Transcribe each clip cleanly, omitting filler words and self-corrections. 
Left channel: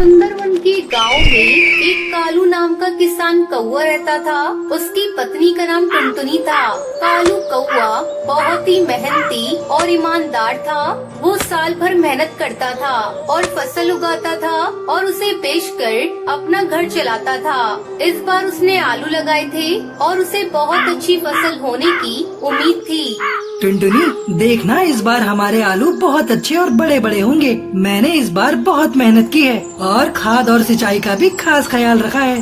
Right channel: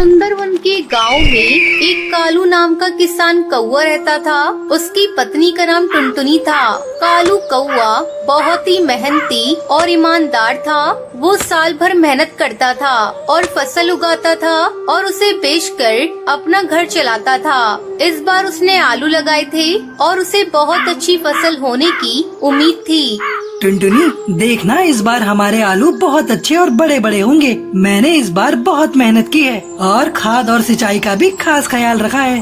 सुंदरवन के गांव में एक कालू नाम का किसान कौवा रहता था। उसकी पत्नी का नाम टुनटुनी था। कालू कौवा बहुत ही मेहनती और ईमानदार था। वो साल भर मेहनत करता था और फसल उगाता था और उसे बेचकर अपना घर चलाता था। इस बार उसने आलू लगाए थे और उसे बहुत अच्छी फसल होने की उम्मीद थी। टुनटुनी, देखना इस बार हमारे आलू बहुत अच्छे और बड़े बड़े होंगे। मैंने इस बार बहुत मेहनत की है और खाद और सिंचाई का भी खास ख्याल रखा है।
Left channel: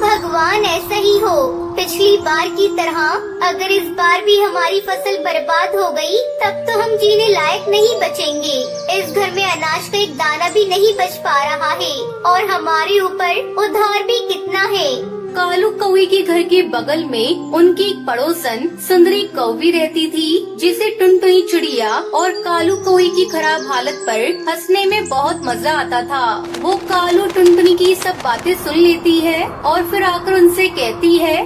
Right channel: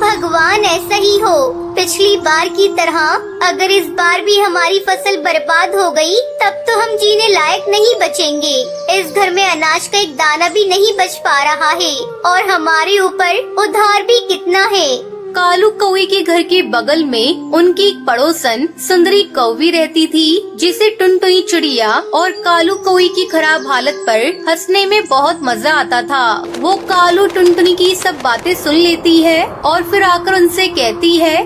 भगवान ऐसा ही हो। पिछली बार की तरह अगर इस बार भी हमारी फसल बर्बाद हो गई, तब तो हम जीने लायक नहीं बचेंगे। इस घर में अनाज का एक दाना भी नहीं बच पा रहा है और हमारे ऊपर उधार भी कितना है। कालू कौवे के घर के बगल में उनकी एक पड़ोसन सुंदरी कौवी रहती थी, जिसे टुनटुनी चिड़िया और कालू कौवे की खराब हालत पर हंसने में बहुत मजा आता था। वो कालू टुनटुनी की सब बातें सुन लेती है और फिर आकर उनसे कहती है,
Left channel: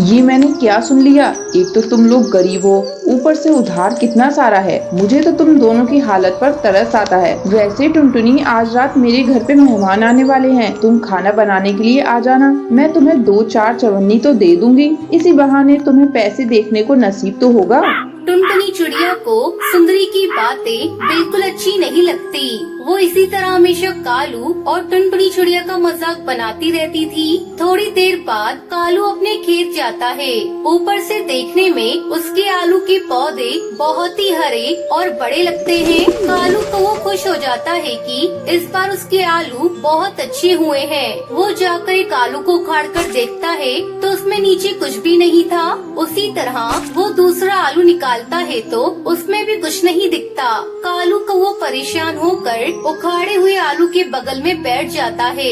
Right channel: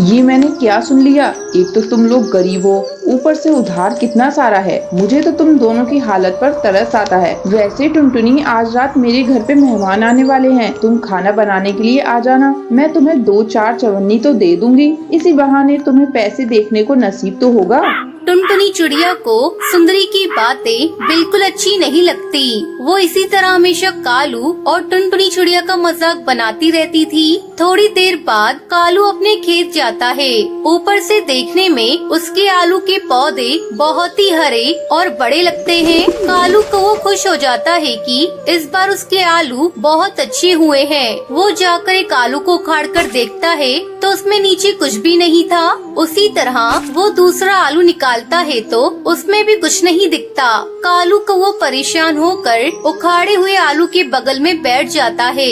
ये मैंने क्या सुन लिया। एक तो तुम लोग गरीब हो, ऊपर से उधार कितना सारा है। मुझे तो तुम दोनों की हालत पर तरस आता है। वैसे टुनटुनी, आज रात मेरे घर पे मेहमान आने वाले हैं। तुम खाना बनाने के लिए आ जाना। मैं तुम्हें 2-4 चवन्नी तो दे दूंगी। इसी बहाने तुम्हें पैसे देखने को नसीब तो होगा। टुनटुनी चिड़िया को सुंदरी की बातें बिल्कुल अच्छी नहीं लगती। वो इसी तरह हमेशा कालू और टुनटुनी चिड़िया का मजाक बनाती रहती थी। थोड़ी देर बाद कालू अपने खेत जाता है। ऊपर से देखने में उसके आलू के पौधे बहुत ही हरे और बड़े लगते हैं। कालू को वो खुश हो जाता है कि इस बार उसके आलू बहुत अच्छे हुए हैं। वो जाकर एक आलू को उखाड़ कर देखता है तो उसमें नीचे कुछ भी नहीं था। उसी तरह वो दूसरा आलू निकालता है तो उसमें भी कुछ नहीं दिखता। कालू को वो परेशान होकर उखाड़े हुए आलू के बगल में बैठ जाता है।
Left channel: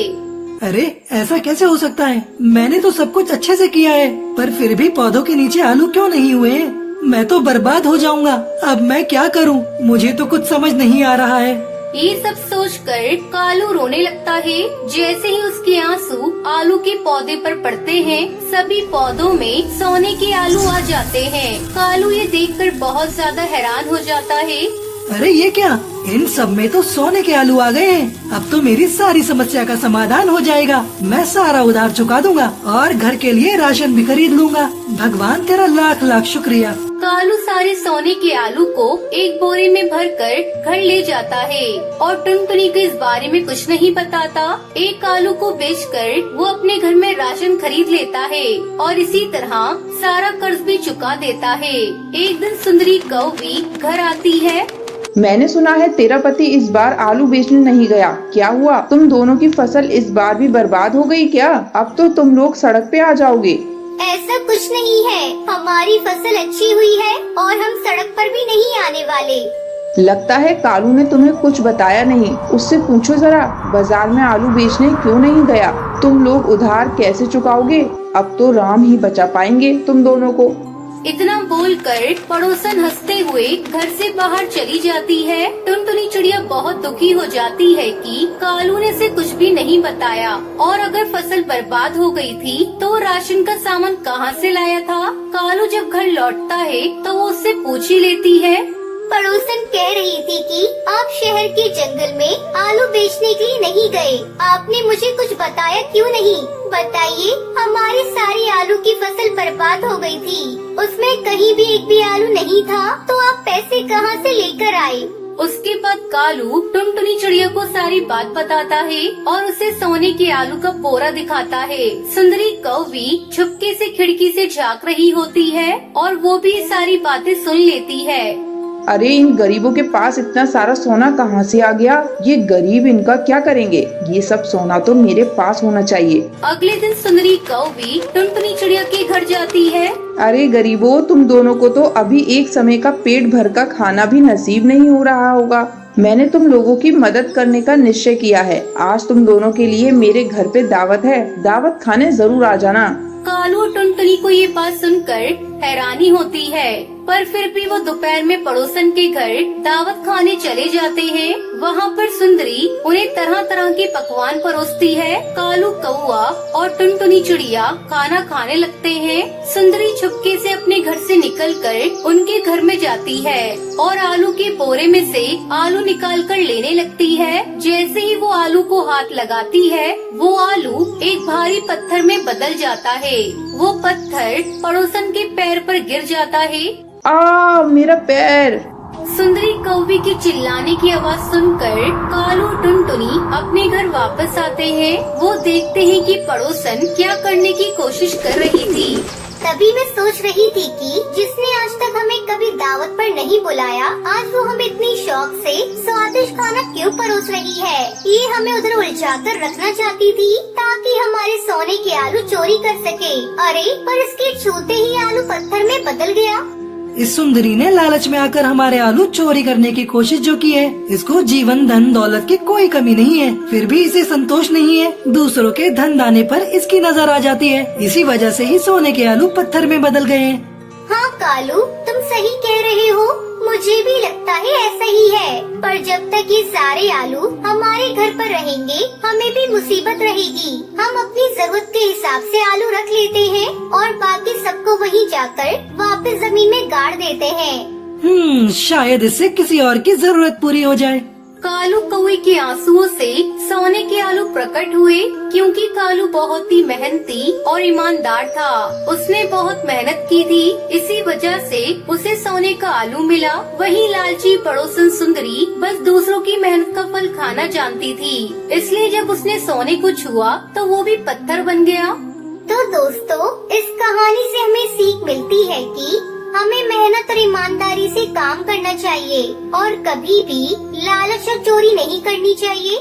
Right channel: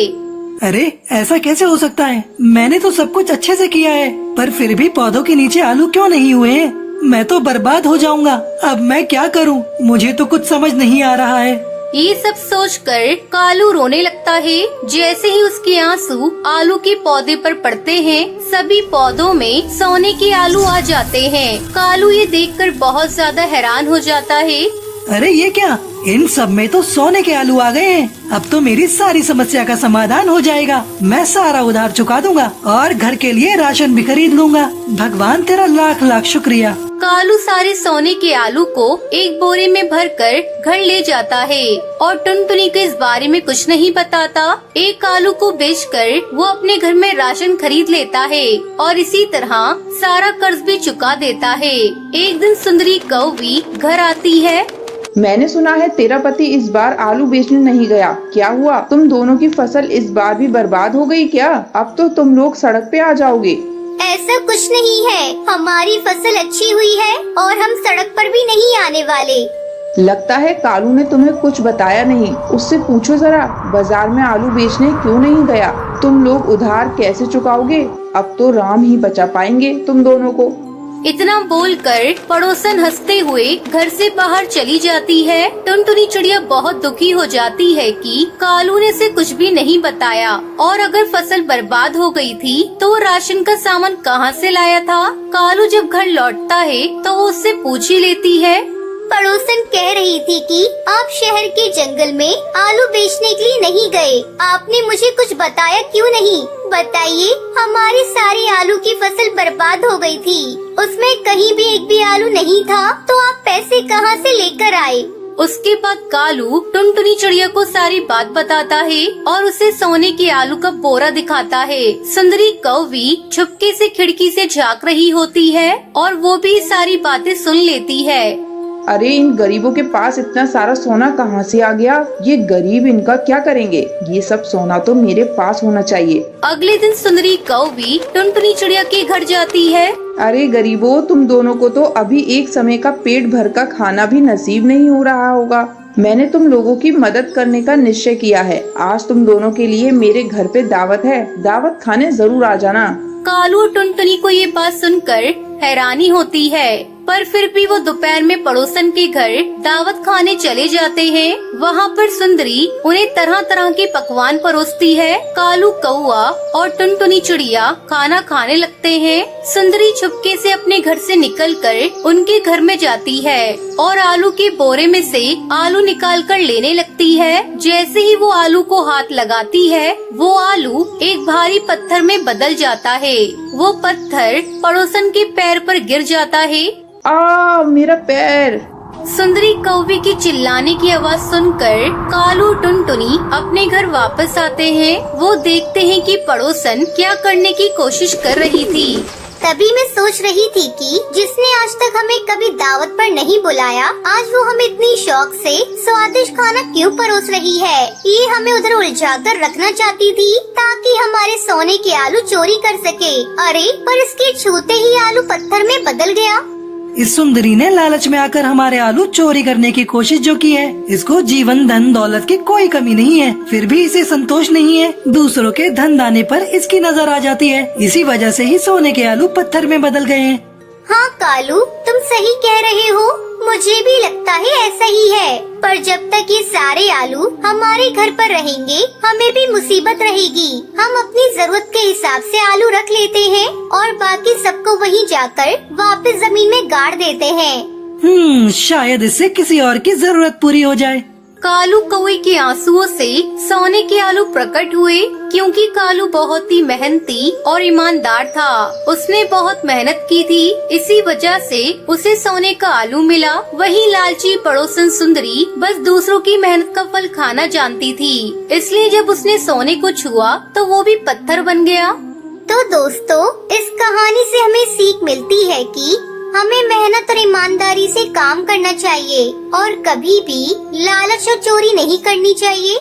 अरे, ऐसा कैसे हो सकता है? मैंने तो सब कुछ अच्छे से किया है, पर फिर भी पौधों के नीचे आलू क्यों नहीं हुए हैं? मैं तो बर्बाद हो जाऊंगा। अब मैं क्या करूं? मुझे तो कुछ समझ नहीं आ रहा है। ये सब सोचकर कालू रोने लगता है। जैसे ही उसके आंसू आलू के पौधे पर पड़ते हैं, सभी पौधों में सोने के आलू आ जाते हैं। कालू ये देखकर बहुत ज्यादा हैरान हो जाता है। अरे, ये क्या? इन सब में तो सोने के आलू आ गए। अब तो मेरी सारी समस्या का समाधान हो जाएगा। मैं सारा उधार चुका दूंगा और घर के लिए राशन भी खरीद लूंगा। भगवान, तेरा लाख लाख शुक्रिया। कालू सारे सोने के आलू को एक बोरे में भरकर घर ले जाता है और टुनटुनी को इस बारे में कुछ नहीं बताता। एक आलू को बेचकर वो अपने घर में राशन खरीद लेता है और इसी तरह सारा कर्ज भी चुका देता है। एक दिन सुंदरी कौवी घर आती है। मैंने सुना है तेरा पति इस बार आलू बेचने नहीं गया। क्या हुआ? तुम दोनों की फसल इस बार भी बर्बाद हो गई क्या? अब तो तुम लोग सड़क पे आ जाओगे। ऐसा कुछ नहीं है। हमारी फसल अच्छी हुई है और हम सड़क पर भी नहीं आने वाले। लगता है कालू ने तुम्हें कुछ बताया नहीं। उससे पूछो जरा, बाजार में आलू बेचने क्यों नहीं गया? तुम लोग उधार कैसे चुकाओगे? अब तो राम ही बचा पाएंगे तुम दोनों को। इतना बोलकर पड़ोसन हंसते हुए घर से बाहर चली जाती है। टुनटुनी चिड़िया बहुत दुखी हो जाती है कि कालू ने उसे कुछ भी नहीं बताया और अगर फसल बर्बाद हो गई थी तो राशन का सामान कहाँ से लाया था। कालू जब घर लौटता है तो वो उससे पूछ ही लेती है। पड़ोसन कह रही थी कि आप शहर के जंगल में आलू बेचने के लिए नहीं गए। आपने मुझे कुछ बताया क्यों नहीं? बताइए, हमारी सारी आलू की फसल बर्बाद हो गई थी। उसमें कहीं भी एक भी आलू नहीं था, तो आप पैसे कहां से लेकर आए? उसके बाद कालू टुनटुनी चिड़िया को सारी बात बताता है और उसे सोने के आलू का बोरा दिखाता है। सुंदरी कौवी छुपके से खिड़की से झांक रही होती है और वो भी सारी बातें सुन लेती है। अरे, इन गरीबों के पास इतना सारा सोना कहाँ से आ गया? ये गरीब इनका क्या करेंगे? ये सब सोना तो मेरे पास होना चाहिए। अगले दिन सुंदरी कौवी टुनटुनी चिड़िया के घर जाती है। अरे गरीबों, तुम दोनों को तो अभी एक समय का पेट भर का खाना भी नसीब नहीं हो रहा होगा। मैंने तुम लोगों की मदद करने का निश्चय किया है। आज तुम दोनों के लिए मेरे घर पे दावत है। दावत खाने जरूर आ जाना। कालू और टुनटुनी को ये बात सुनकर हैरानी होती है, पर फिर भी वो दोपहर में पड़ोसन के घर दावत खाने चले जाते हैं। वहाँ पर सुंदरी उन्हें तरह तरह के पकवान परोसती है। कालू कौआ और टुनटुनी चिड़िया खाना खाने लगते हैं। सुंदरी चुपके से अपने घर से निकलकर उनके घर में जाती है और आलू के बोरे में से आलू निकालकर लेने लगती है। जैसे ही वो आलू को हाथ लगाती है, वो आलू एक भारी पत्थर में बदल जाता है। वो पत्थर पड़ोसन के पैर पर गिर जाता है। मेरा पैर। सुंदरी कौवे के चिल्लाने की आवाज सुनकर कालू टुनटुनी अपने घर वापस आते हैं। वो देखते हैं कि पड़ोसन क्या करने की कोशिश कर रही थी। तभी मैं सोच रही थी कि जिसने आज तक हमें कभी दावत पर नहीं बुलाया, आज वो हमें इतनी शौक से स्वादिष्ट खाना क्यों परोस रही है। ये हमें उधर उलझाकर रखना चाहती थी ताकि हमारे सोने के आलू चोरी कर सके। अरे पर इसके छूते ही आलू पत्थर में बदल गया। इस सुंदरी ने लालच में आकर हमारे आलू चोरी करने की कोशिश जो की है, इसको जीवन धन दौलत की कोई कमी नहीं है, फिर भी इसे संतोष नहीं है। दूसरों के धन दाने पर इसकी नजर आ जाती है। इसी वजह से ही सोने के आलू पत्थर में बदल गए हैं। हाँ कालू, तुम सही कह रहे हो। मुझे भी लगता है ऐसा ही है। पर जब तक ये सारे आलू हमारे घर पर रहेंगे, हमें भी मुसीबत रहेगी। हम अपनी जरूरत के हिसाब से आलू रख लेते हैं और बाकी सबको वहीं जाकर वापस जमीन में गाड़ देते हैं। शायद इससे किसी और की जरूरत पूरी हो जाए। कालू कौवे के आंसुओं से सोने के आलू प्रकट हुए, क्योंकि कालू बहुत ही मेहनती और ईमानदार था। उसने बहुत मेहनत की थी, इसी वजह से उसे सोने का आलू मिला। वही लालची पड़ोसन सुंदरी बस दूसरों की मेहनत का फल खाना जानती थी, इसलिए जब उसने सोने को छुआ तो वो भी पत्थर बन गया। तो दोस्तों, इस कहानी से हमें सीख मिलती है कि हमें मेहनत और ईमानदारी से काम करना चाहिए और कभी भी लालच और चोरी नहीं करनी चाहिए।